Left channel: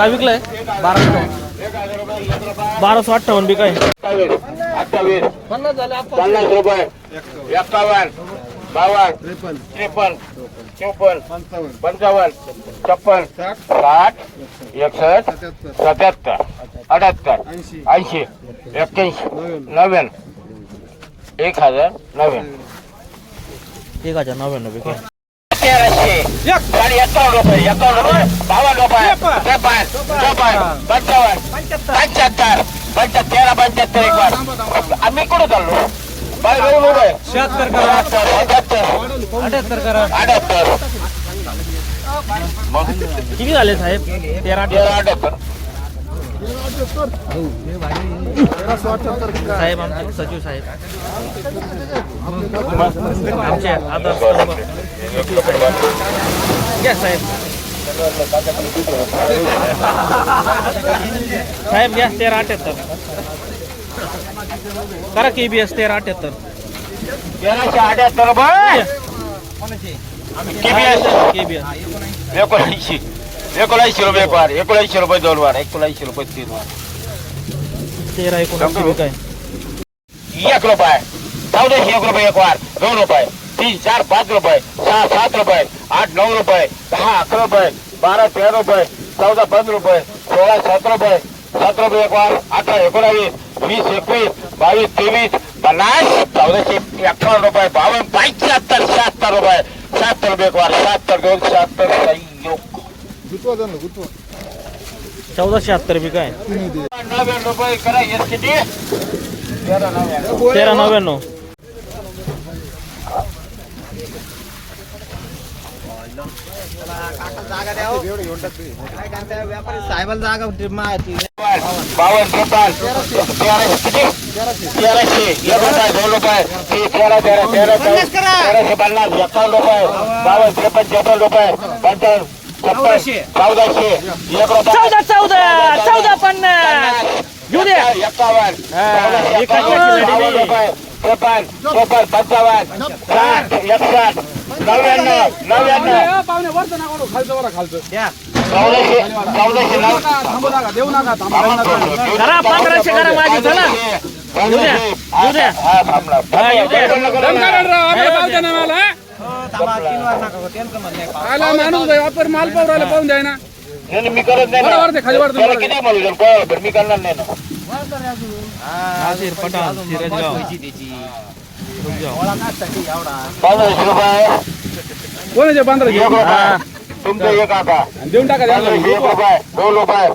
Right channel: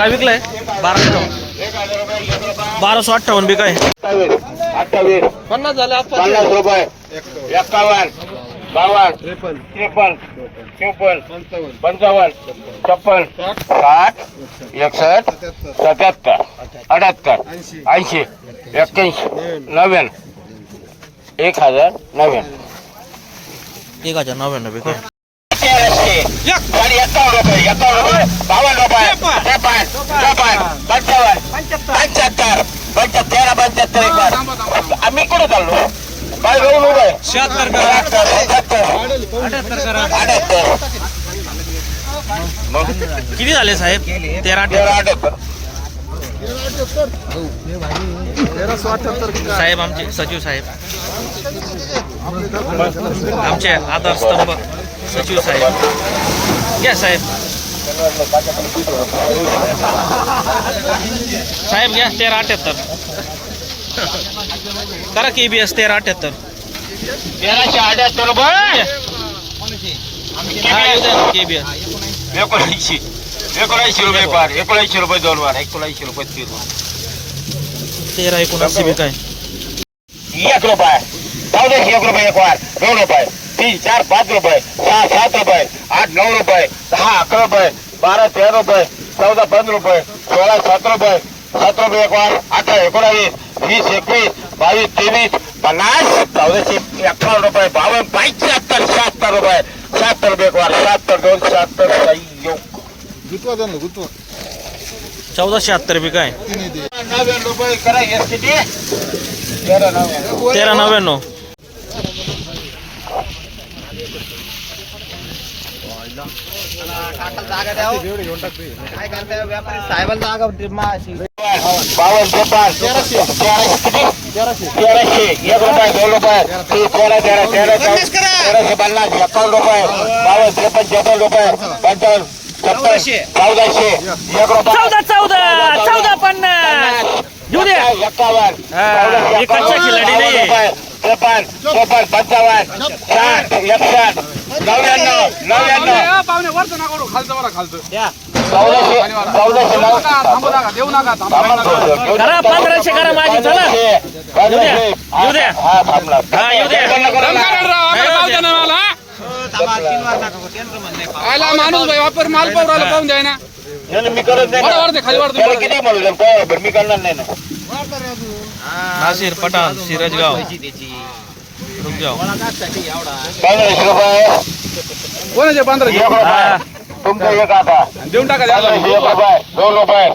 काय विकलाय? बारा अठ्ठावन्न बाराशे अठ्ठावन्न बी काय? पन्नास झाले पन्नास रुपये. एक्कावन्न बावन्न त्रेपन्न चोपन्न पंचावन्न छप्पन साठ एकसष्ट सत्याहत्तर अठ्याहत्तर ऐंशी एक्क्याऐंशी नव्याण्णव एक हजार नव्याण्णव. एक हजार नव्याण्णव काय? तेराशे साडे एक्कावन्न रुपये एक्कावन्न रुपये बावन्न रुपये त्रेपन्न चोपन्न पंचावन्न पंच्याहत्तर पंच्या तेरा पंच्याहत्तर एक बार आम्ही कुठे चाललो काय घेऊन किती झाले साहेब? तेरा तेरा अठ्याहत्तर साहेब आमचे सचिव साहेब. आमचे आधार स्तंभ सचिव साहेब. घ्या साहेब. साहेब घ्या तेरा अठ्याहत्तर. करा के बी एस तेरा अठ्याहत्तर. तेराशे अठ्याहत्तर रुपये के बी एस एकोणऐंशी. एकोणऐंशी रुपये एक वार एकोणऐंशी रुपये दोन वार एकोणऐंशी रुपये तीन वार. तेरा एकोणऐंशी बी काय? एक रुपये. चौदाशे एक रुपये एक वार दोन रुपये. तीन चार पाच रुपये. सहा सात रुपये. आठ नऊ रुपये. दहा अकरा रुपये. बारा तेरा रुपये. चौदा पंधरा रुपये. सोळा सात रुपये. सात रुपये एक वार अठरा एकोणावीस वीस एकवीस बावीस तेवीस पन्नास. चौदाशे अठ्ठावन्न रुपये बावन्न पंच्याहत्तर शहात्तर रुपये. शहात्तर रुपये एक वार शहात्तर दोन शहात्तर संयोग चौदाशे शहात्तर बी काय तेरा नव्याण्णव तेरा बावन्न त्रेपन्न तेराशे दोन रुपये तीन तेरा तेरा तेरा तेराशे पन्नास एकावन्न रुपये बावन्न त्रेपन्न चोपन्न रुपये पंचावन्न. चौदाशे. चौदा चौदा चौदा पन्नास. घेऊ दे. एकावन्न हा, हे कच्च्या खिलाडी नाही. त्रेपन्न चोपन्न पंचावन्न साठ एकसष्ट नव्याण्णव नव्याण्णव. पाहुणे वरचं नका करू, खालचं वरा खालचं. चौदाशे चौदाशे नऊ. थांबू नका देऊ नका थांबू करा पंधराशे करा माझी चला. येऊ द्या येऊ द्या हा येऊ द्या आला माणूस भाई वापर माल पाहू राहिला पाहून द्या ना. नाही, नाही, मी करत नाही दे, खाली वर दे, त्याला वर दे. किती म्हणू द्या, कोणाला पण मी करणार नाही ना. नाशिर पठाण सिरजगाव. कोणाचे पंधराशे एक हा. रुपये तुमचं एक आता. देऊन टाका द्या पंधराशे एक रुपये. दोन रुपये.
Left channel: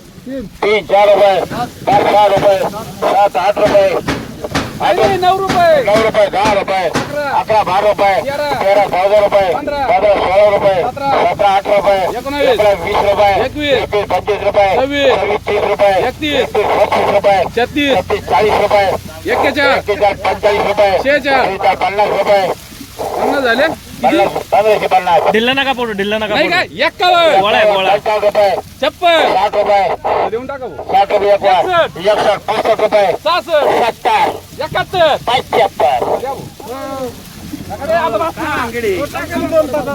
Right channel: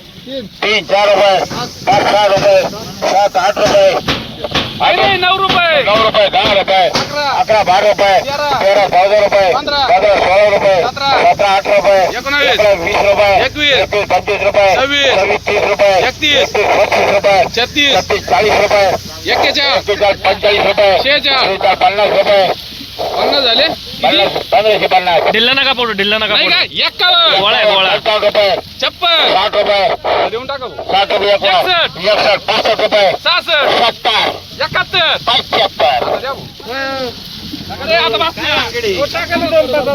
तीन चार रुपये. पाच सहा रुपये? सात आठ रुपये. आहे नऊ रुपये नऊ रुपये दहा रुपये अकरा. अकरा बारा रुपये तेरा. चौदा रुपये पंधरा. सोळा रुपये सतरा. अठरा रुपये एकोणावीस. वीस रुपये एकवीस. एकवीस पंचवीस रुपये सव्वीस. तीस रुपये एकतीस. पस्तीस रुपये छत्तीस छत्तीस चाळीस रुपये एक्केचाळ एक्केचाळीस पंचेचाळीस रुपये शेहेचाळ. शेहेचाळ, पन्नास रुपये पन्नास झाले किती पन्नास पंधराशे पन्नास ढिल्ला नका पडू ढिल्ला नका नाही पडू का एक्कावन्न गोळा आहे, गोळा पंचावन्न रुपये छप्पन साठ रुपये देऊन टाका भाऊ. साठ रुपये एक वार. एकसष्ट. एकसष्ट पासष्ट रुपये सहासष्ट सत्तर एकाहत्तर पंच्याहत्तर आता द्या भाऊ. अरे, आता बस ना. तो टाका ना दोन टाका.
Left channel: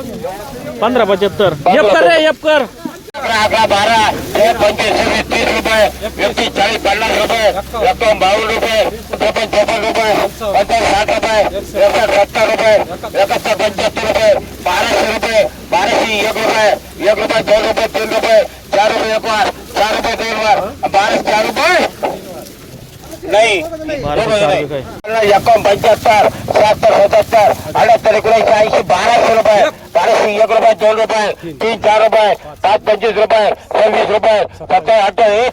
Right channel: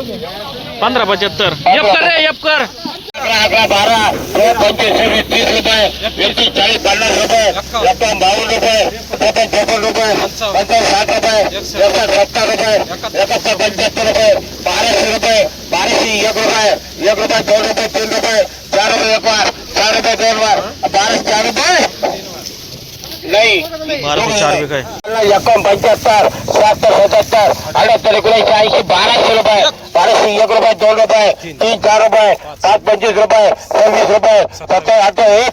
पंधरा पंच्याहत्तर यप कर रे यप कर अकरा अकरा बारा तेरा पंचवीस सव्वीस तीस रुपये एकतीस चाळीस पन्नास रुपये एकावन्न बावन्न रुपये त्रेपन्न चोपन्न रुपये पंचावन्न साठ रुपये एकसष्ट सत्तर रुपये एकाहत्तर पंच्याहत्तर रुपये बाराशे रुपये बाराशे एक रुपये रुपये दोन रुपये तीन रुपये चार रुपये एक वार चार रुपये दोन वार बारा चार रुपये नाही बाराशे एकोण पंच्याहत्तर शहात्तर सत्याहत्तर अठ्याहत्तर एकोणऐंशी ऐंशी बाराशे रुपये बाराशे एक रुपये दोन रुपये तीन चार रुपये पाच पंचवीस रुपये सव्वीस रुपये सत्तर आठ एक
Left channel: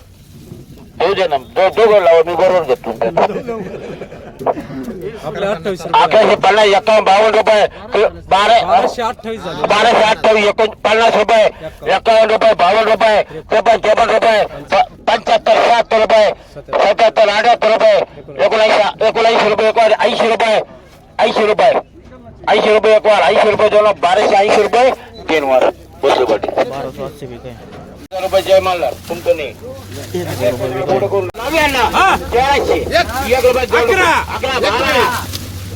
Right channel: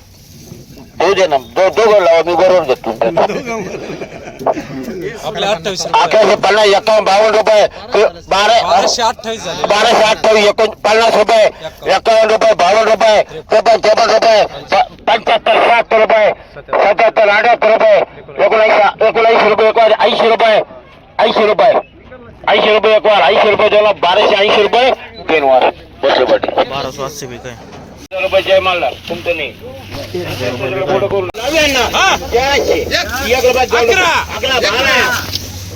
देऊ दे ना दो दोघं लावा मी बरोबर घेतो अकराशे पन्नास एकावन्न बावन्न रुपये. बारा बाराशे अठ्ठावीस एकोण पन्नास रुपये. एकावन्न रुपये बावन्न रुपये. त्रेपन्न चोपन्न रुपये. प- पंच्याहत्तर शहात्तर रुपये. सत्याहत्तर अठ्याहत्तर रुपये. एकोणऐंशी एकोणऐंशी रुपये एक वार ऐंशी रुपये. ऐंशी रुपये. ऐंशी रुपये एक वार ऐंशी रुपये दोन बाराशे ऐंशी रुपये. तीन वार बाराशे बी काय? रुपये जय मालदार तुमचं नाही नव्याण्णव तेराशे एक रुपये दोन रुपये अकरा बारा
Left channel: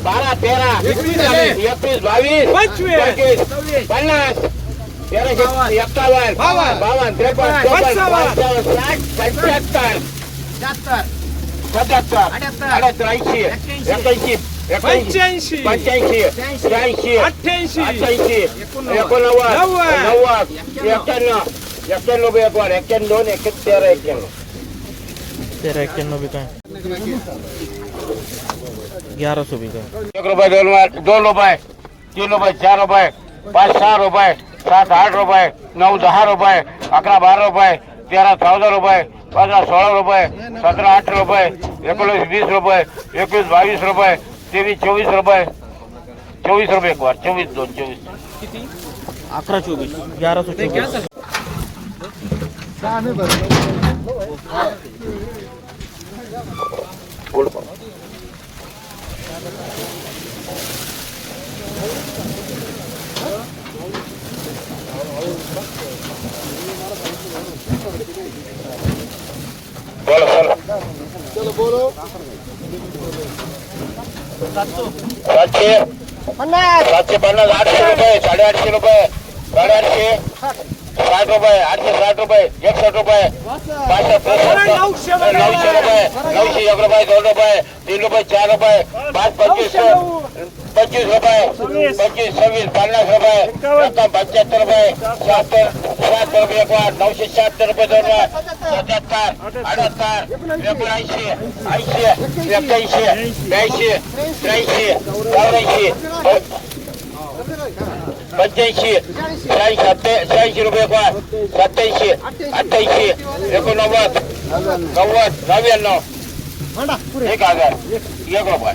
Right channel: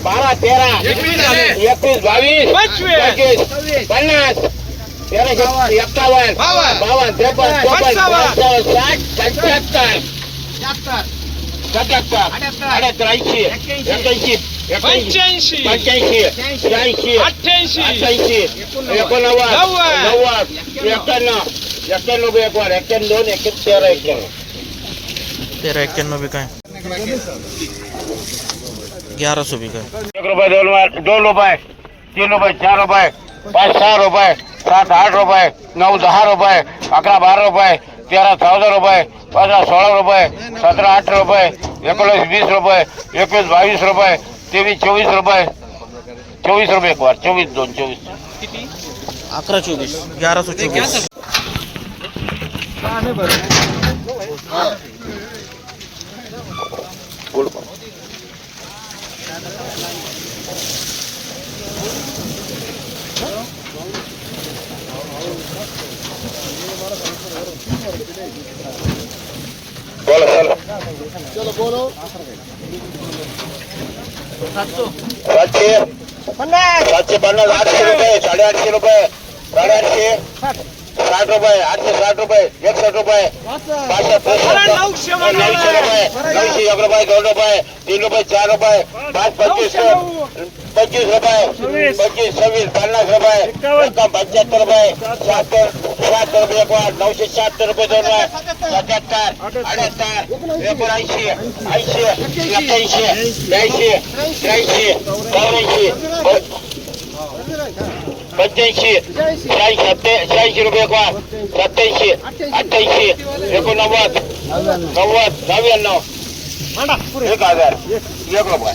बारा तेरा एकवीस बावीस पंचवीस पन्नास तेराशे एक्कावन्न बावन्न त्रेपन्न चोपन्न पंचावन्न साठ पंच्याहत्तर सत्याहत्तर अठ्याहत्तर एक्क्याण्णव एक वाढ एक्क्याण्णव दोन एक्क्याण्णव तेरा एक्क्याण्णव. तेरा एक्क्याण्णव बी काय? ग्यारह सौ बी काय? एक रुपये दोन दोन रुपये तीन रुपये चार रुपये पाच सहा रुपये सात आठ रुपये नऊ दहा रुपये अकरा बारा रुपये तेरा चौदा रुपये पंधरा सोळा रुपये सतरा अठरा रुपये एकोणीस वीस रुपये एकवीस बावीस रुपये तेवीस चोवीस रुपये. चोवीस रुपये एक वार चोवीस दोन चोवीस. अकरा चोवीस ग्यारह सौ चौबीस बोला बोला सातशे सातशे पन्नास आठशे रुपये साडेआठशे रुपये साडेआठशे साठ रुपये आठशे साठ रुपये एकसष्ट रुपये पाचशे त्रेसष्ट नऊशे रुपये नऊशे एक रुपये दोन रुपये तीन रुपये चार रुपये पाच पंचवीस पंचवीस रुपये पंचवीस सव्वीस पन्नास रुपये रक्कम पंच्याहत्तर रुपये शहात्तर शहात्तर रुपये एक वाट नऊशे शहात्तर रुपये दोन रुपये सत्याहत्तर अठ्याहत्तर एकोणऐंशी ऐंशी एक्क्याऐंशी ब्याऐंशी त्र्याऐंशी चौऱ्याऐंशी पंच्याऐंशी शहाऐंशी सत्ते शहाऐंशी रुपये एक वाट सत्याऐंशी अठ्ठ्याऐंशी एकोणनव्वद नव्वद नव्याण्णव. एक हजार. एक रुपये.